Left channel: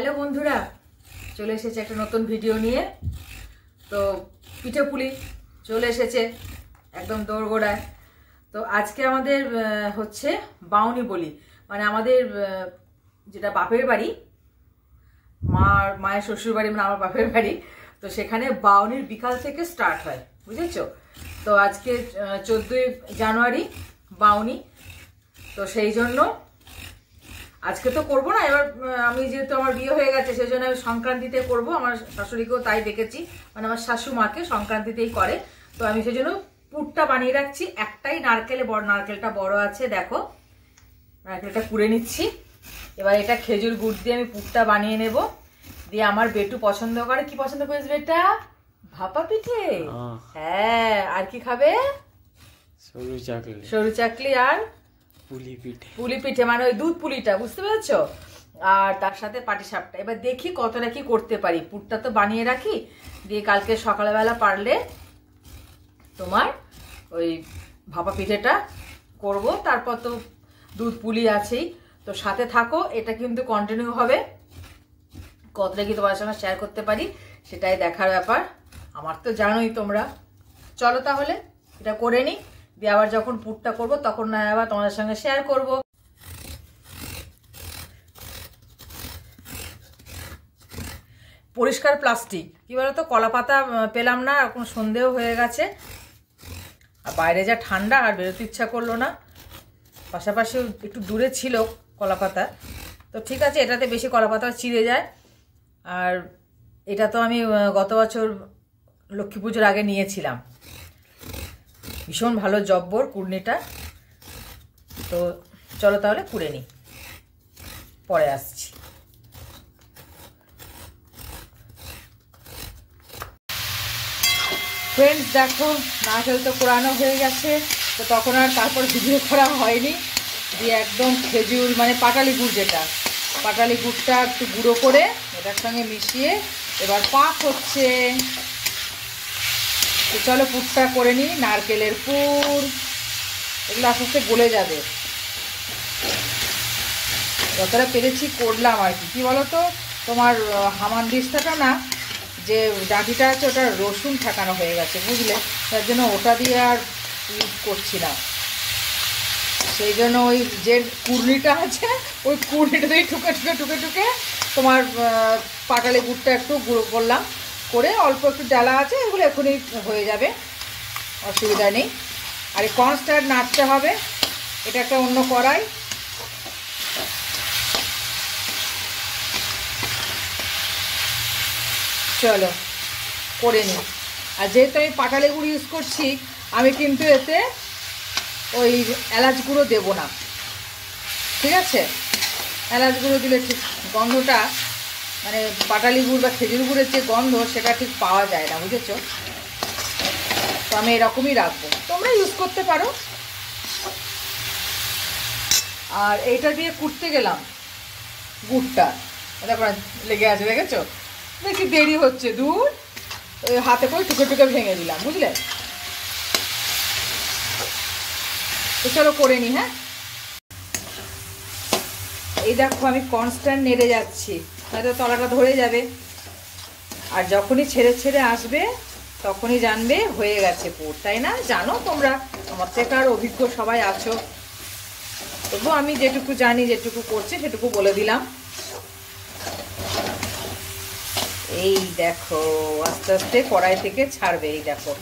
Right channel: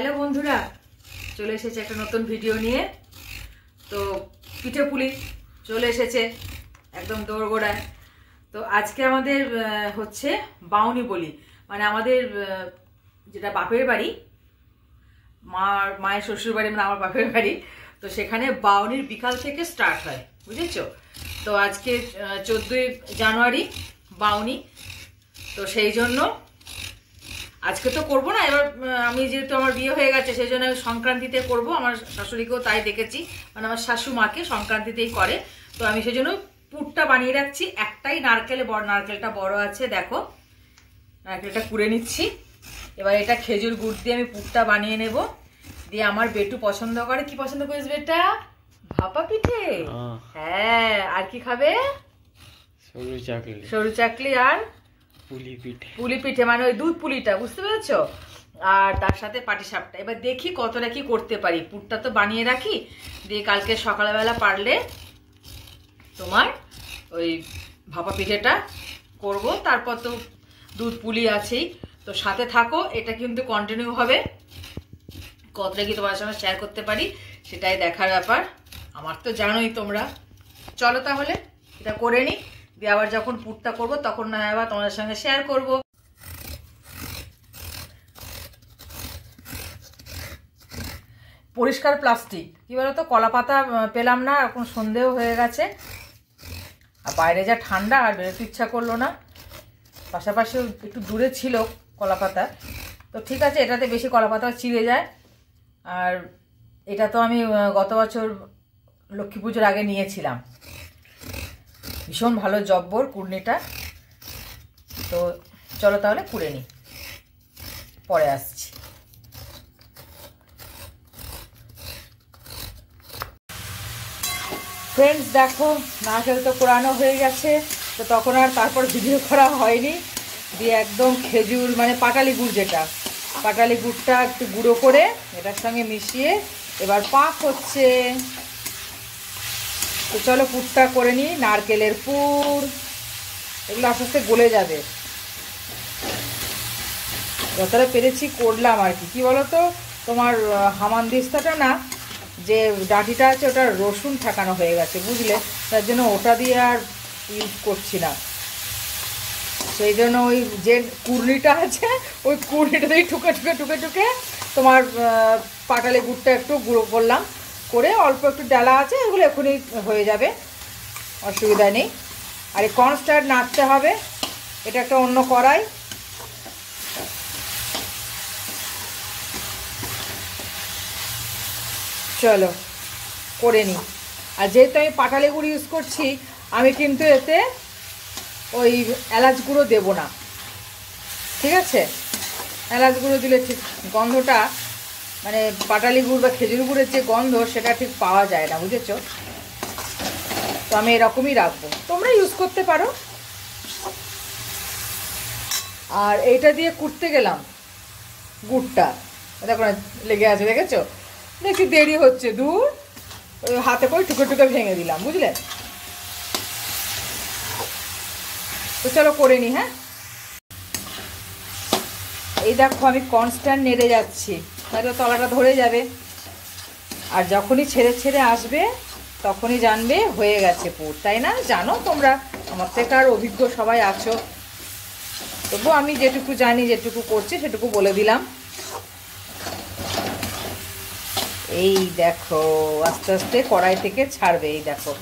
Hello বন্ধুরা, চলে এসেছে একটা নতুন ভিডিও নিয়ে। তো পিঠে পুলি চলে এসেছে একদম দোরগোড়ায়। তো আজকে আমাদের হচ্ছে বাউনি বলি, মানে আমাদের যেটা বাপের বাড়ি, মায়ের শ্বশুর বাড়ি, মানে আমার বাপের বাড়ি। তো সেখানে বাউনির বিকাল থেকে স্টার্ট হয়, বুঝেছো? তো আজকে 14ই জানুয়ারি বাউনি। তো সেই জন্য আজকে তো করবো না, এবার আমি যেহেতু আমার বিয়ে হয়ে গেছে সেই জন্য আমি সংক্রান্তিতে করবো। আমার শাশুড়িকেও তাই দেখেছি, মানে আমার শাশু মাকে সংক্রান্তিতেই করে। তো আমি সেই জন্য পুরটা বানিয়ে রাখছি। একটাই নারকেলটা বড় আছে, দেখো নারকেলটা কুড়ে নিচ্ছি। এবার এটা খেজুর গুড় দিয়ে আমি পুরটা বানিয়ে নেব। দিয়ে আমার বেটু পছন্দ করে, কি পছন্দ করিস বেটা? ভাপা পিঠে। হ্যাঁ, আর কি খাবে? সরু চাকলি আর পুলি পিঠে, মানে ওই দুধ পুলিটা, বুঝতে পেরেছো? আর তার সাথে পাটিসাপটা। এবার দেখি কতটা কি করতে পারি। পুরটা তো বানিয়ে রাখি, দিয়ে কালকে সকালবেলা পারলে তোমার ওই ভাপা পিঠেটা করব। তারপর তো দুধ পুলি আছেই। তো সাথে থাকো, এটা কিন্তু কন্টিনিউ হবে। কতটা কি তোমার সঙ্গে শেয়ার করতে পারি সেটাই দেখার ব্যাপার। আমার তো জানোই তোমরা। চলো তাহলে এটা করে নিই, দিয়ে আবার যখন পুরটা করব তখন না আবার তোমাদের সঙ্গে শেয়ার করব। পরিষ্কার প্লাস্টিক, কি বলতো, কলা পাতা পেলাম না, এখন সন্দেহ হয়ে গেছে। আর বাইরে যা ঠান্ডা, আর বেরোতে ইচ্ছা করলো না। পাশাপাশি একটু দূরে ছিল কলা পাতা। তো ঠিক আছে, এটাতে বেশি কলা পাতা চিড়ে যায়। আর এটা তো আমি গত বছর লক্ষ্মী পুজোর আগে নিয়েছিলাম। ভীষণ ভালো জব্বর কুড়নিটা। তো চলো তাহলে কুড়ে নিই, পরে আসছি। ফ্রেন্ডস দেখো, নারকেল তো কোরানো হয়ে গেছে। তো তখন আর তারপর ভিডিও করা হয়নি। দিয়ে একদম খেজুর, মানে পাটালি গুড়, যেটা পাটালি গুড়টা একটু গুঁড়ো করে এটার সঙ্গে মিশিয়ে এবার পাক হচ্ছে। তো চলো পুরটা করে নিই। নারকেলের পুর, এগুলো আস্তে আস্তে গলে যাবে। যতটা পেরেছি করলাম আর কি। কি বলো তো, তোমার হামানদিস্তাটা না, যে ডাঁটিটা আছে ওটা রসুন ঠাকানো হয়ে গেছে, বুঝলে? তার জন্য ওটা দিয়ে আর ইউজ করছি না। সেই জন্য ওই যে কুড়নিটা আছে, ওই কুড়নিটা দিয়ে টুকে তোমার পাটালি গুড়টা একটু গুঁড়ো করলাম, করে অল্প একটু ডালা আছে, এগুলো এখনই হয়ে যাবে, অসুবিধা নেই। আর এই কনস্ট্যান্ট নাড়তে হবে। এটা একটা অন্য কড়াই। চলো করে নিই। আর যেহেতু আমি পাটালি গুঁড়ো ইউজ করছি, আমি কিন্তু এতে ওই এলাচ গুঁড়ো দেবো না, ঠিক আছে? এলাচ গুঁড়ো দিলে ঠিক গন্ধটা, মানে পাটালি গুড় বা খেজুর গুড়ের যে গন্ধ, সেটা ঠিক পাওয়া যায় না, বুঝেছো? তো আমি এরকমই রাখবো, তোমরা ইউজ করতে পারো। আর এইটা দিয়ে কুটতে গেলাম গুড়টা, দেখো না লেগে আছে, দেখেছো? দেখি দেরি হচ্ছে, দূর ওই হাতে করে টুকে ভেঙে দিলাম, বুঝলে? তো চলো করে নি। হ্যাঁ, এই দেখো আমি কনস্ট্যান্ট নেড়ে যাচ্ছি, হয়তো তলাটা ধরে যাবে। আর যখনই ছেড়ে আসবে তখনই জানবে হয়ে গেছে পুর, তাই না? জানো তোমরা, আমার থেকে আর অভিজ্ঞ সবাই আছো। তবু আমি যেটুকু জানি, যেটুকু করছি সেটুকু বলে দিলাম। এই দেখো আস্তে আস্তে কড়াই থেকে ছাড়বে, এই দেখো,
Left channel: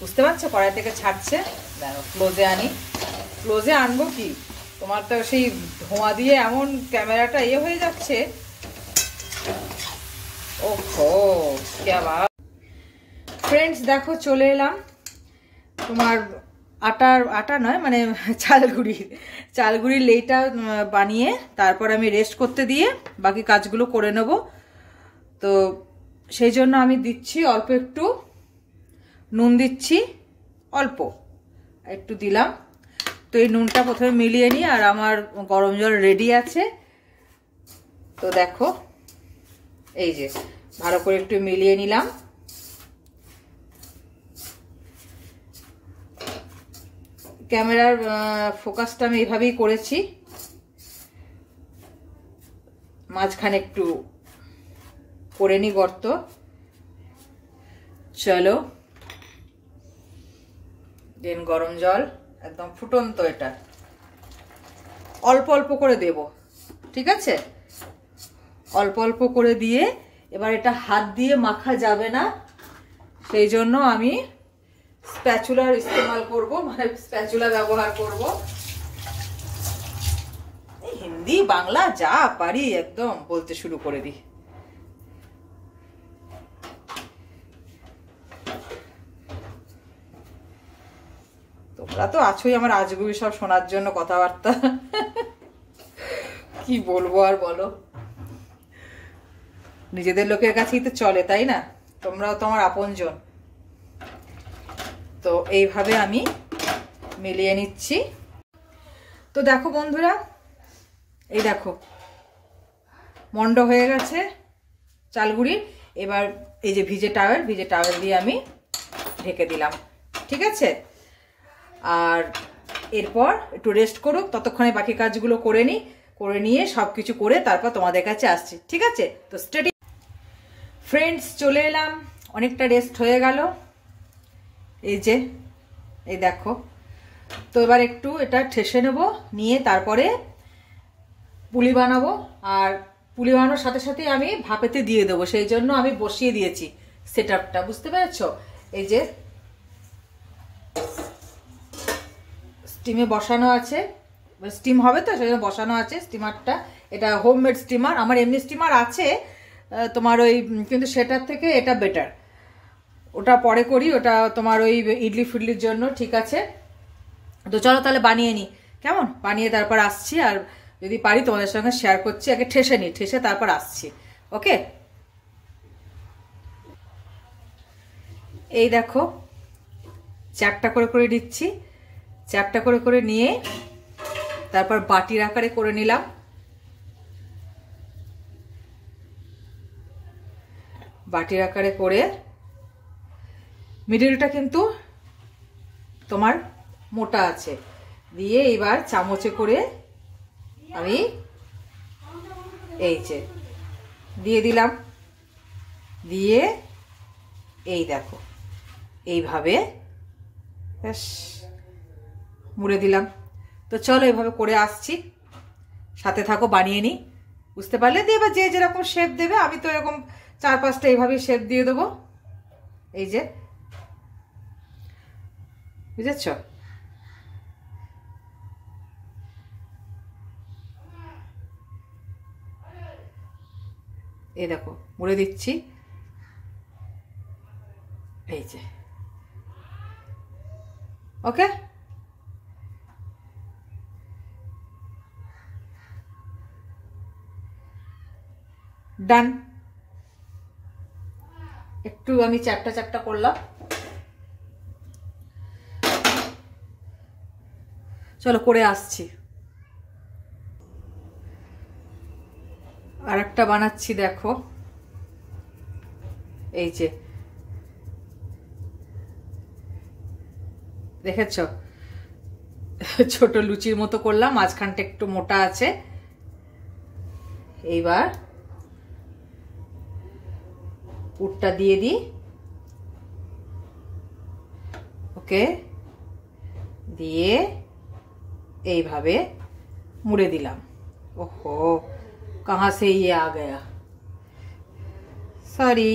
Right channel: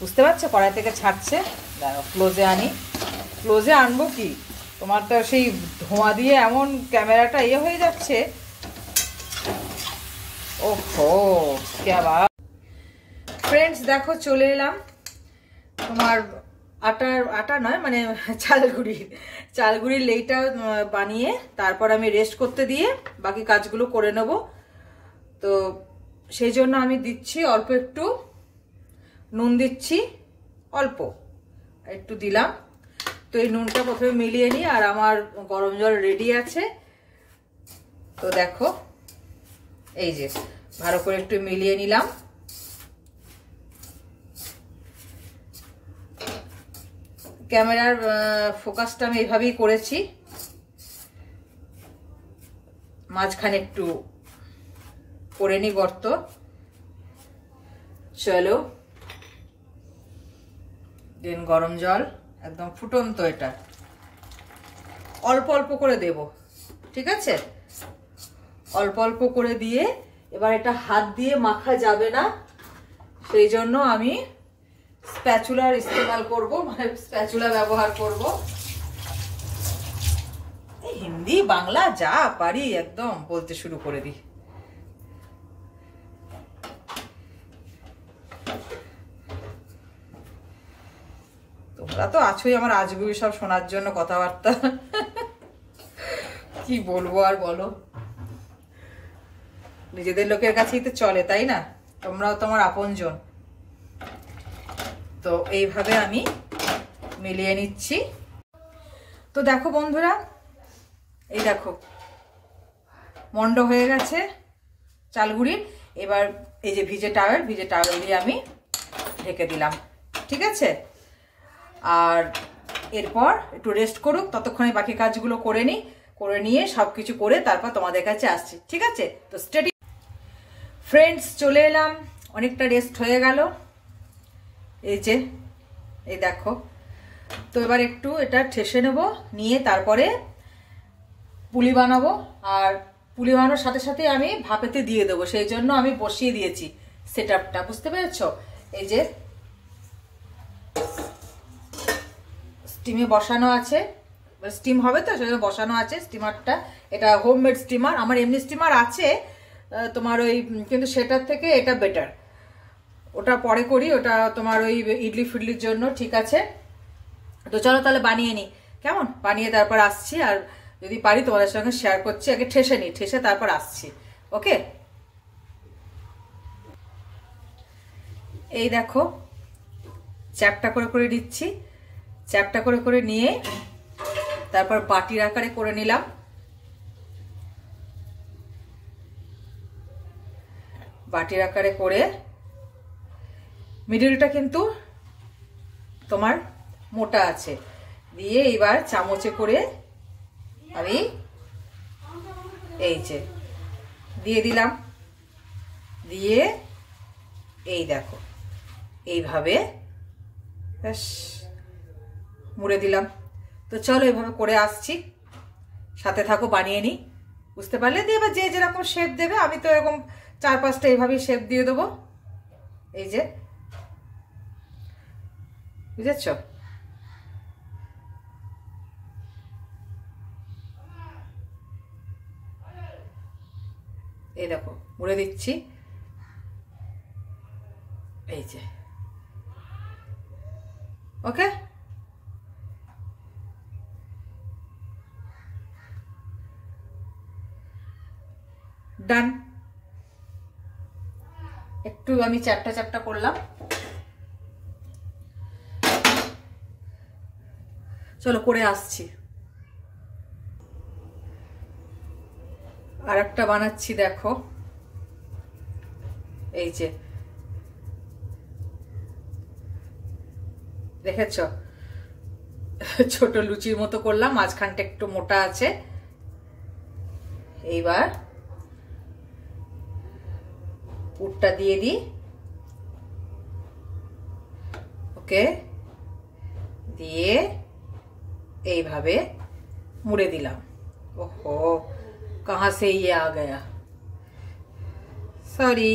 বুঝতে পারছো? কড়াই থেকে ছাড়ছে। দেখো ক্লোজে আনি। ক্লোজে আনবো কি, তোমার তো সেই ধোঁয়া দিয়ে এমন ক্যামেরাটা ইয়ে হয়ে যাচ্ছে। ওহো ক্যা বাত। ফ্রেন্ডস দেখো চলে এলাম তোমার আটা নয়, মানে চালগুড়ির লেইটা বানিয়ে তারপর আমি রেস্ট করতে দিয়ে বাকি কাজগুলো করে নেব। তো সেই জন্য আমি দিচ্ছি অল্প একটু নুন, দিচ্ছি অল্প একটু দিলাম। তো এই নুনটা প্রথমে মিলিয়ে নিই। আর আমার গরম জল রেডি আছে। তো দেখো এই যে ভালো করে একটু মিলিয়ে নিলাম। ক্যামেরার ফোকাসটা আমি এইভাবেই করেছি, মাঝখানে একটু করে নি গর্ত। চলো, দিন গরম জল, একদম ফুটন্ত, এটা অল্প অল্প করে দেব, ঠিক আছে? অল্প অল্প করে দিয়ে এবার এটা হাত দিয়ে মাখা যাবে না, সেই জন্য আমি স্প্যাচুলার ইস্তেমাল করব, মানে স্প্যাচুলা ব্যবহার করব। হিন্দি বাংলা যা পারি একদম বলতে শুরু করে দিই। তোমরা তো আছোই আমার আজগুবি সব শোনার জন্য কথাবার্তা। কি বলবো আর বলো, নিজেদের লোকের কাছেই তো চলে, তাই না? তোমরাও তো আমার আপনজন। তো এইভাবে আমি মিলিয়ে নিচ্ছি। তো দেখো বন্ধুরা, এই দেখো মন্ড হয়ে গেছে চালগুড়ির। এবার এই যে ভিজে টাওয়েল দিয়ে আমি ঢেকে দিলাম, ঠিক আছে? আর এরপর একটু রেস্ট করুক, ততক্ষণে বাকি কাজগুলো করে নিয়ে সবকিছু করে তারপর তোমাদের কাছে আসছি, ঠিক আছে? তো স্টেডি ফ্রেন্ডস, চলে এলাম, অনেকটা রেস্ট হয়ে গেল। এই যে এই দেখো, তো এবার একটু এটা ঠেসে নেব, নিয়ে তারপরে পুলি বানাবো। আর পুলি বানানোর সাথে সাথে আমি ভাপেতে দিয়ে দেবো, সেই জন্য আমি বসিয়ে দিয়েছি সেটআপটা, বুঝতে পেরেছো? এই যে স্টিমে বসানো আছে, স্টিম হবে তো সেজন্য বসানো আছে স্টিমারটা। এটা হোমমেড স্টিমার, আমার এমনি স্টিমার আছে তোমার ওই, কিন্তু সেটার থেকে এটা বেটার। ওটা পরে করি, ওটা তোমার ওই ইডলি ফিডলির জন্য, ঠিক আছে? তো চলো তাহলে বানিয়ে নিই, কেমন? বানিয়ে তারপর আসছি, আর যদি পারি তোমাদের সঙ্গে শেয়ার করছি। আগে ঠেসে তারপর আসছি, ওকে? এই দেখো চ্যাপটা করে করে দিচ্ছি, চ্যাপটা করে করে নিয়ে তারপর বাটির আকারে করে নিলাম। বাটির আকারে করে মিডলটা কিন্তু তোমার মোটা আছে, দিয়ে এবার চামচে করে আমি এই যে দিয়ে দিলাম, দিয়ে এই দেখো এইভাবে মুড়ে দিলাম। তো চলো এইভাবে করে আসছি, সাথে থাকো, বানিয়ে নিই, বুঝতে পারলে? দিয়ে এবার যে যেরকম শেপ দেবে, আমি তো এরকম 4-5টা এইভাবেই শেপ দিয়ে দেবো, এই যে, বুঝেছ? এই দেখো মুড়ে দিচ্ছি, এই যে, ওকে? ডান। একটু আমি চ্যাপটা করলাম, চলো করে আসছি। আর একটা বানাচ্ছি, দেখো, এই যে, দেখেছ? ছোট লুচির মতো করলাম, মাঝখানটা একটু মোটা আছে। এইবার পুরটা দিয়ে দিই, ওকে? দিয়ে এইভাবে মুড়ে দিলাম। ওহো, कहाँ से ये आ गया, সরি।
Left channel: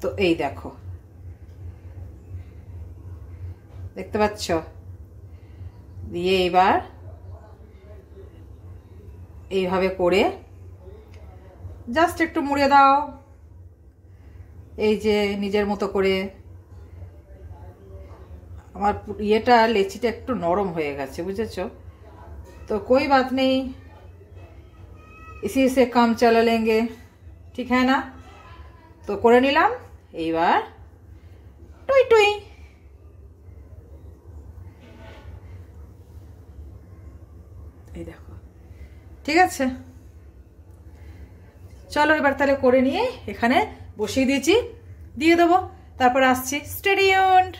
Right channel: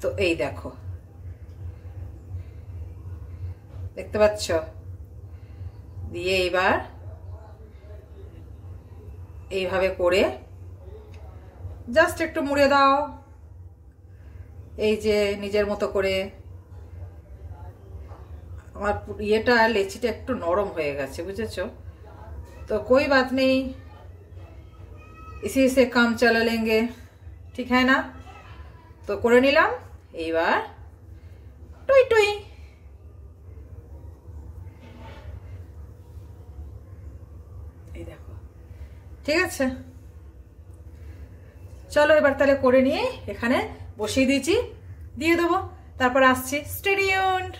তো এই দেখো, দেখতে পাচ্ছ? দিয়ে এবার এইভাবে করে জাস্ট একটু মুড়ে দাও, এই যে নিজের মতো করে। আমার ইয়েটা লেচিটা একটু নরম হয়ে গেছে, বুঝেছো? তো कोई बात नहीं, इसी से काम चला लेंगे, ठीक है ना? তো করে নিলাম, এইবার টুই টুই। এই দেখো, ঠিক আছে? চলো এবার তাহলে করে নিয়ে এখানে বসিয়ে দিয়েছি, দিয়ে দেবো, তারপর আসছি, স্টে টিউনড।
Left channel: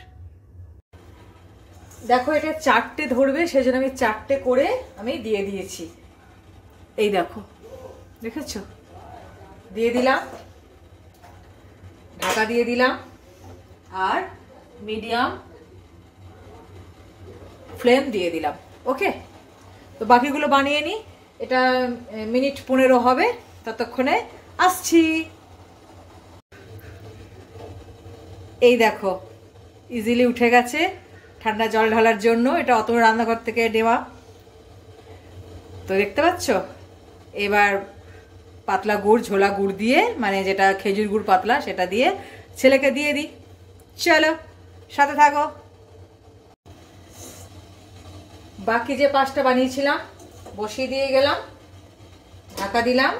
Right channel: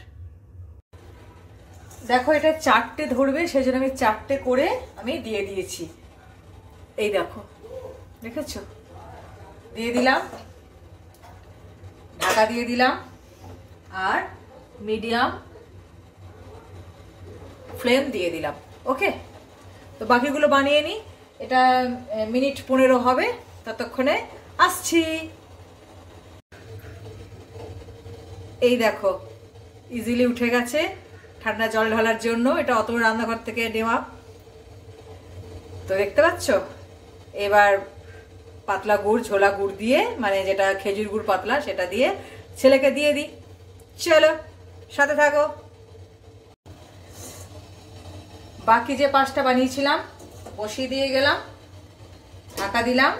দেখো এটা 4টে ধরবে, সেই জন্য আমি 4টে করে আমি দিয়ে দিয়েছি। এই দেখো, দেখেছো? দিয়ে দিলাম, ঢাকা দিয়ে দিলাম, আর মিডিয়াম ফ্লেম দিয়ে দিলাম। ওকে, তো বাকিগুলো বানিয়ে নিই। এটা মিনিট 15 হবে, ততক্ষণে আসছি। এই দেখো ইজিলি উঠে গেছে, ঠান্ডা জল ঢালার জন্য। এটা অত রান্নাঘর থেকে নেওয়া, তো দেখতে পাচ্ছ। এবার পাতলা গুড়, ঝোলা গুড় দিয়ে, মানে যেটা খেজুর গুড় পাতলা, সেটা দিয়ে ছেলেকে দিয়ে দিই। চলো সাথে থাকো। বাকি যে 5টা বানিয়েছিলাম বসিয়ে দিয়ে গেলাম, ঢাকা দিলাম,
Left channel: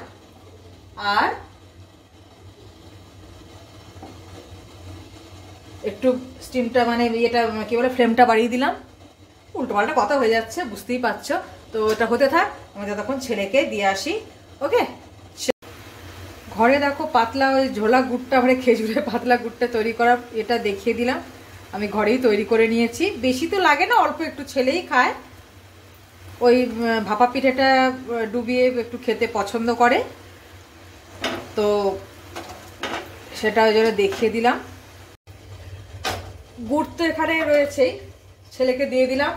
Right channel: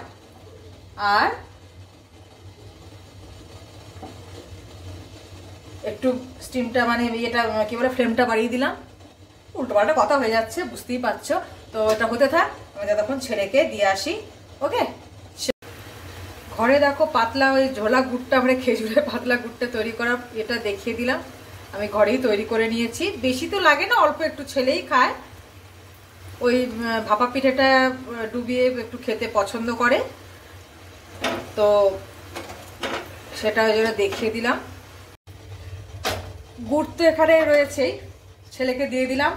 আর একটু স্টিমটা মানে ইয়েটা কি বলে ফ্লেমটা বাড়িয়ে দিলাম। উল্টো পাল্টা কথা হয়ে যাচ্ছে, বুঝতেই পারছো। তো ওটা হতে থাক, আমি ততক্ষণ ছেলেকে দিয়ে আসি। ওকে, ঘরে দেখো পাতলা ওই ঝোলা গুড়টা, মানে খেজুরের পাতলা গুড়টা তৈরি করা, এটা দেখিয়ে দিলাম। আমি ঘরেই তৈরি করে নিয়েছি, বেশি তো লাগে না, অল্প একটু, ছেলেই খায়। ওই ভাপা পিঠাটা ডুবিয়ে একটু খেতে পছন্দ করে, তো সেটা ওই জন্য দেখিয়ে দিলাম। গুড় তো এখানে রয়েছেই, ছেলেকে দিয়ে দিলাম।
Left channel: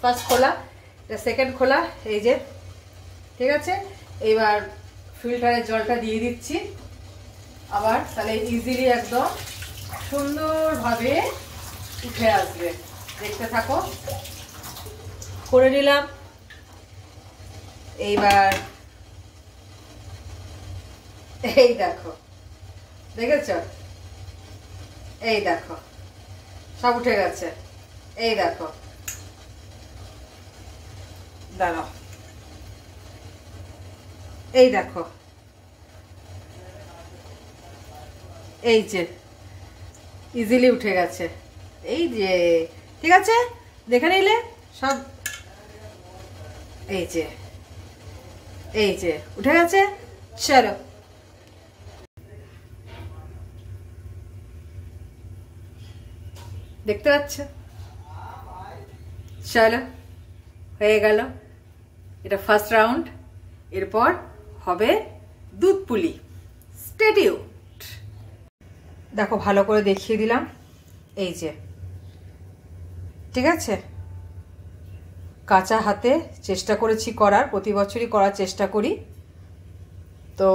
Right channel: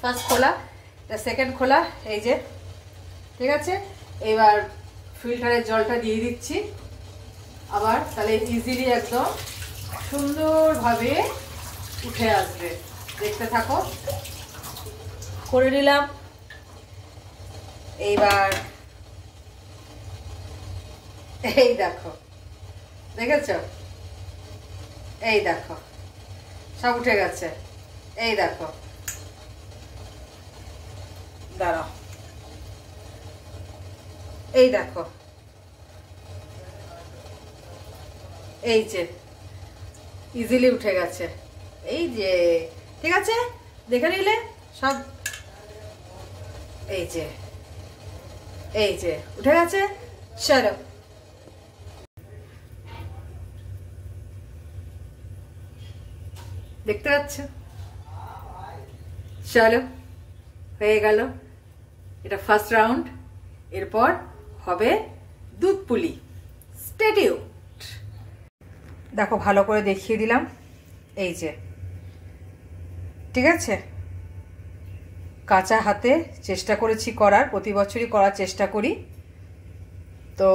ফার্স্ট খোলা, এটা সেকেন্ড খোলা, এই যে, ঠিক আছে। এবার ফিল্টারের জলটা দিয়ে দিচ্ছি আবার, তাহলে ইজিলি একদম সুন্দরভাবে উঠে আসবে। দেখতে থাকো, করে নিলাম। এইবার এই দেখো, দেখেছ, এই দেখো সব উঠে গেছে। এই দেখো, দাঁড়াও, এই দেখো, এই যে ইজিলি উঠে গেছে। এই যে, ঠিক আছে, দেখে নিলে সব, এই যে, এই যে উঠে গেছে। চলো, দেখতে পাচ্ছ, চলো হয়ে গেল। এটা ফার্স্ট রাউন্ড, এরপর হবে দুধ পুলি। Stay tuned. দেখো ভালো করে দেখিয়ে দিলাম, এই যে, ঠিক আছে। কাঁচা হাতে চেষ্টা করেছি করার, প্রতি বছরই করার চেষ্টা করি। তো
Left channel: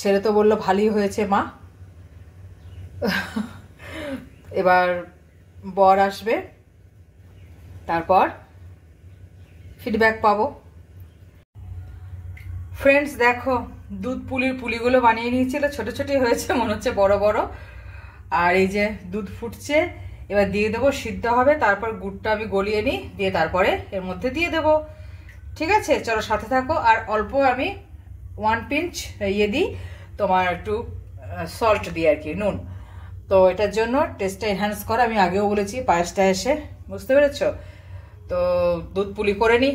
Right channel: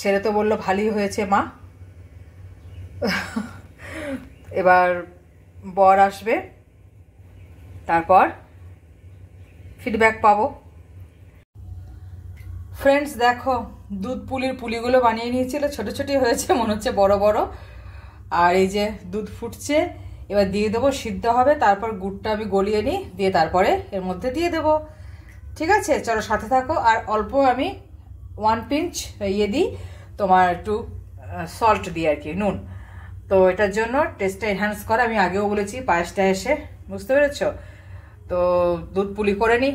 ছেলে তো বললো ভালোই হয়েছে মা। এবার বর আসবে, তারপর ফিডব্যাক পাবো। ফ্রেন্ডস দেখো, দুধ পুলির পুলিগুলো বানিয়ে নিয়েছিল, ছোট ছোটই হয়েছে, মনে হচ্ছে বড় বড়। আর এই যে দুধ ফুটছে, এবার দিয়ে দেবো, সিদ্ধ হবে, তারপর গুড়টা আমি গলিয়ে নিই, দিয়ে তারপরে এর মধ্যে দিয়ে দেবো। ঠিক আছে, চলো সাথে থাকো। আর অল্প আমি 1 পিঞ্চ ইয়ে দিই, তোমার একটু সল্ট দিই আর কি, নুন। তো এটার জন্য টেস্টটা এনহ্যান্স করা, আমি আগেও বলেছি পায়েসটা এসে, বুঝতে পেরেছ। তো দুধ পুলি করে নিই।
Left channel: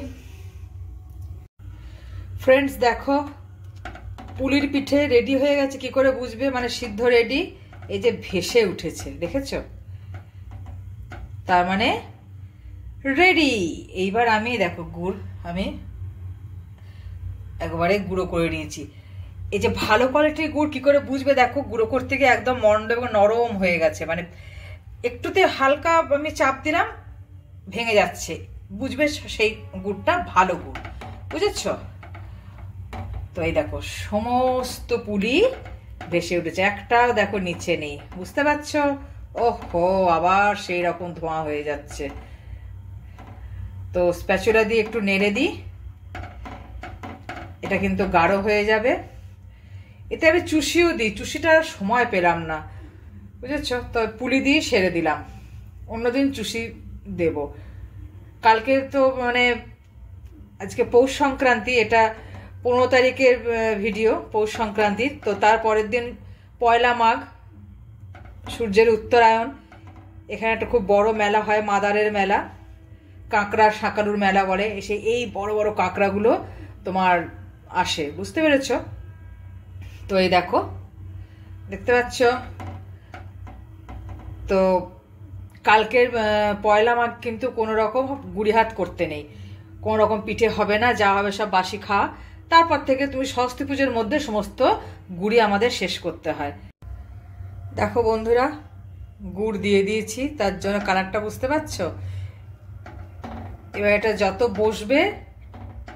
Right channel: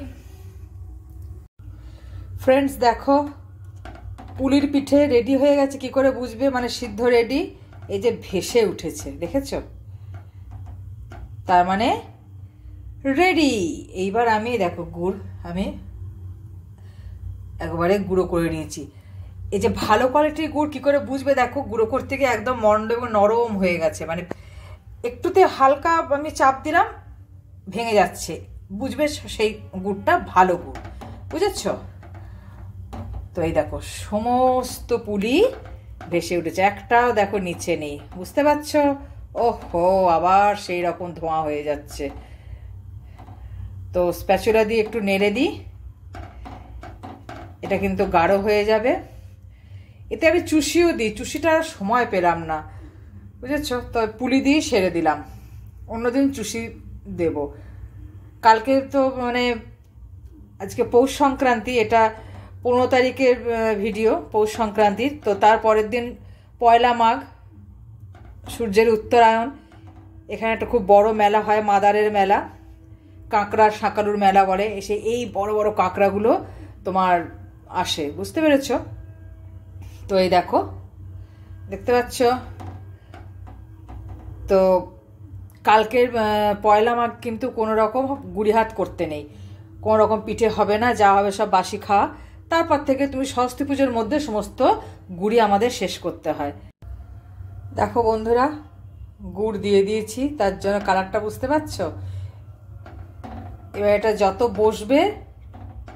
ফ্রেন্ডস দেখো, পুলির পিঠে রেডি হয়ে গেছে। কি করে বুঝবে, মানে সিদ্ধ রেডি, এই যে ভেসে উঠেছে, দেখেছো, তার মানে রেডি। এইবার আমি দেখো গুড় আমি একবারে গুঁড়ো করে নিয়েছি। এই যে ভালো কোয়ালিটির গুড় কি করে বুঝবে, দেখো গুঁড়ো করতে গিয়ে একদম মন্ড এবং নরম হয়ে গেছে, মানে একটুতে হালকা আমি চাপ দিলাম, ভেঙে যাচ্ছে, বুঝবে সেই গুড়টা ভালো গুড়, বুঝেছ। তো এই দেখো সমস্ত পুলি ভেসে উঠেছে, একটাও দেখো নিচে নেই, বুঝতে পারছো। ওহো, আবার সেই রকম ধোঁয়া হয়ে যাচ্ছে। তো স্প্যাচুলা দিয়ে একটু নেড়ে দিই, এটা কিন্তু গাঢ় হয়ে যাবে। এতে আমি চুষিও দিই, চুষিটা সময় পেলাম না, বুঝেছো। তো পুলি দিয়ে সেরে দিলাম, অন্যদিন চুষি দেব। কালকে তো মানে আজকে পৌষ সংক্রান্তি, এটা 15 তারিখের ভিডিও, পৌষ সংক্রান্তির। তো তার পরের দিন পয়লা মাঘ, সূর্যের উত্তরায়ণ। এখানে একটা খুব বড় মেলা হয়, মাদারের মেলা, কাঁকড়ার শাঁকালুর মেলা বলে। এসে এই বড় বড় কাঁকড়াগুলো তোমার আসে, বুঝতে পেরেছ। তো এই দেখো, দেখতে পাচ্ছ। তো কালকের পয়লা মাঘ কিন্তু কোনো রকম গুড়ি হাত করতে নেই, কোনো রকম পিঠে হবে না, যা হবে সব বাসি খাওয়া। তারপর থেকে তুমি সরস্বতী পুজোর মধ্যে সমস্ত গুড়ি আমাদের শেষ করতে হয়। দেখো বন্ধুরা, গুড় দিয়ে দিয়েছি, তার জন্য কালারটা বুঝতে পারছো। এবার এটা যত বসবে,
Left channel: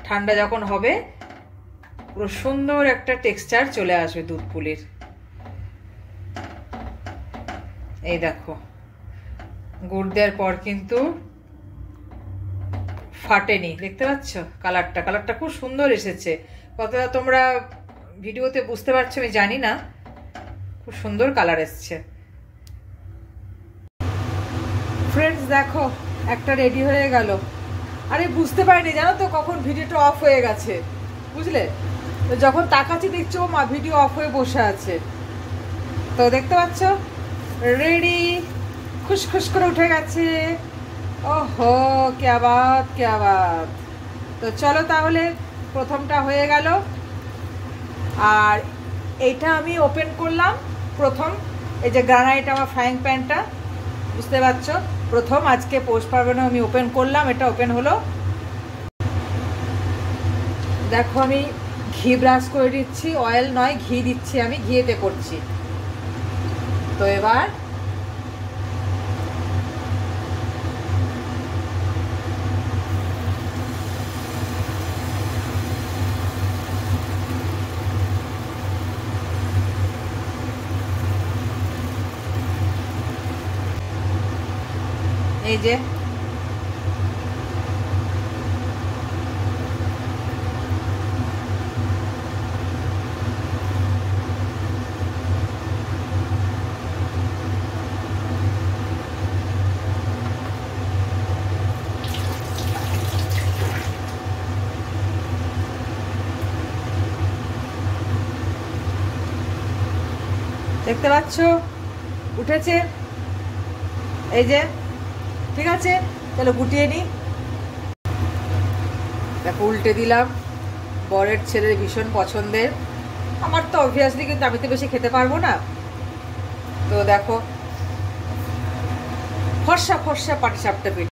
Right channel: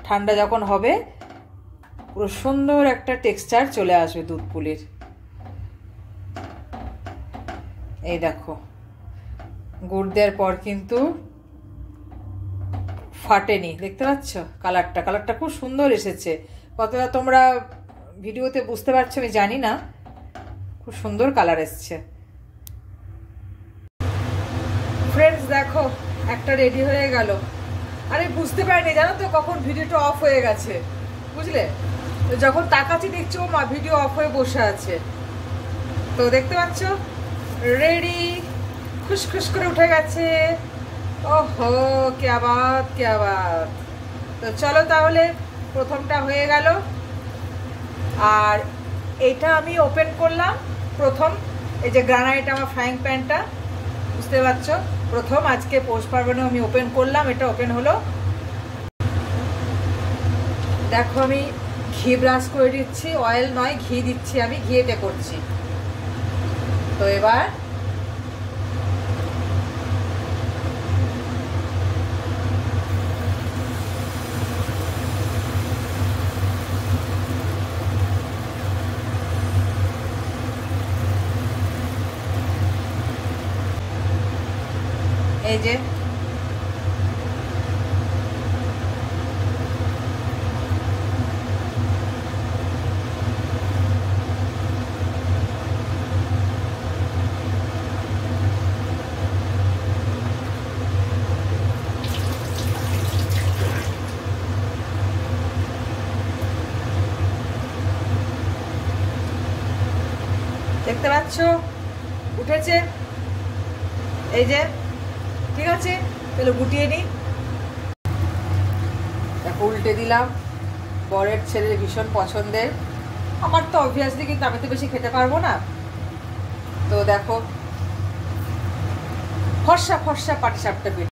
ঠান্ডা যখন হবে, পুরো সুন্দর একটা টেক্সচার চলে আসবে দুধ পুলির। এই দেখো, গুড় দেওয়ার পর কিন্তু ফাটেনি, দেখতে পাচ্ছ কালারটা খুব সুন্দর এসেছে। কতটা তোমরা ভিডিওতে বুঝতে পারছো আমি জানি না, খুব সুন্দর কালার এসছে। ফ্রেন্ডস দেখো, একটা রেডি হয়ে গেল। আরে বুঝতে পারিনি জানো তো কখন ভিডিওটা অফ হয়ে গেছে, বুঝলে? যখন তাকাচ্ছি দেখছো মা ভিডিও অফ হয়ে বসে আছে। তো দেখতে পাচ্ছ রেডি, খুশখুশ করে উঠে গেছে। ওহো, ক্যা বাত ক্যা বাত। তো চলো তাহলে, প্রথমটা হয়ে গেল। আর এইটা আমি ওপেন করলাম প্রথম, এই যে গ্রানাইট আমার ফ্রাইং প্যানটা, বুঝতে পারছো, প্রথম আজকে পৌষ পার্বণে আমি ওপেন করলাম, এটা ওপেন হলো। দেখো আমি ঘি ব্রাশ করে দিচ্ছি, অয়েল নয় ঘি দিচ্ছি, আমি ঘিয়েতে করছি। তো এবার এই যে দেখতে পাচ্ছ উঠেছে, এই যে, ঠিক আছে। তাহলে গুটিয়ে নি, দেখো উল্টে দিলাম। বরের ছেলের ভীষণ পছন্দের, আমার তো অবভিয়াসলি, কিন্তু আমি তো বেশি খেতে পারবো না। তো দেখো, ফর্সা ফর্সা পাটিসাপটা পিঠে।